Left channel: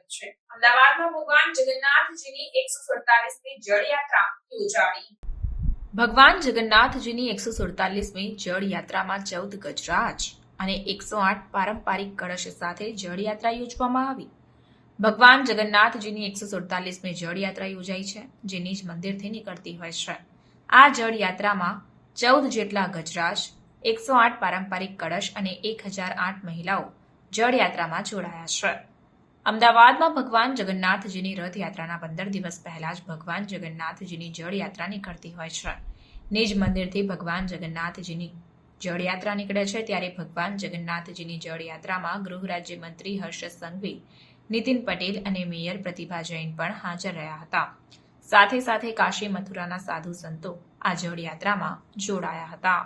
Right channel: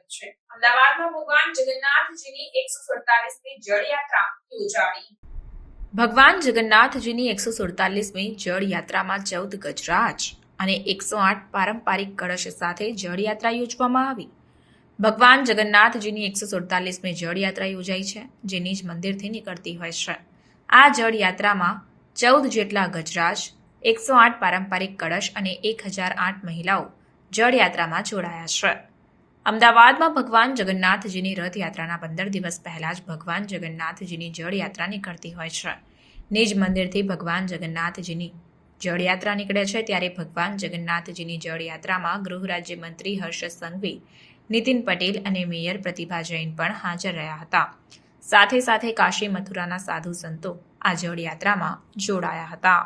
સ્વાગત છે। અમદાવાદમાં ભગવાન જગન્નાથજીની 147મી જળયાત્રા યોજાઈ। ભગવાન જગન્નાથજીની 147મી જળયાત્રામાં 14 ગજરાજ અને 108 પારંપરિક કળશ સાથે જળયાત્રા યોજવામાં આવી। ભગવાન જગન્નાથજીની 147મી જળયાત્રા યોજાઈ છે, જે નિજ મંદિરથી નીકળતી હોય છે। આ જળયાત્રામાં 14 જેટલા ગજરાજ, 108 પારંપરિક કળશ અને 1008 મહિલાઓ જળયાત્રામાં જોડાયા છે। અમદાવાદમાં ભગવાન જગન્નાથજીની રથયાત્રાના 15 દિવસ પહેલા જ ભગવાન જગન્નાથજીની જળયાત્રા નીકળતી હોય છે। નિજ મંદિરથી ભગવાન જગન્નાથજીની જળયાત્રા નીકળે છે, ત્યારે ભગવાન જગન્નાથજીની જળયાત્રામાં ગૃહ રાજ્યમંત્રી હર્ષ સંઘવી, નીતિન પટેલ અને મેયર પ્રતિભા જૈન પણ હાજર રહ્યા હતા। સાથે સાથે કાશી મથુરાના સાધુ સંતો આ જળયાત્રામાં જોડાયા હતા।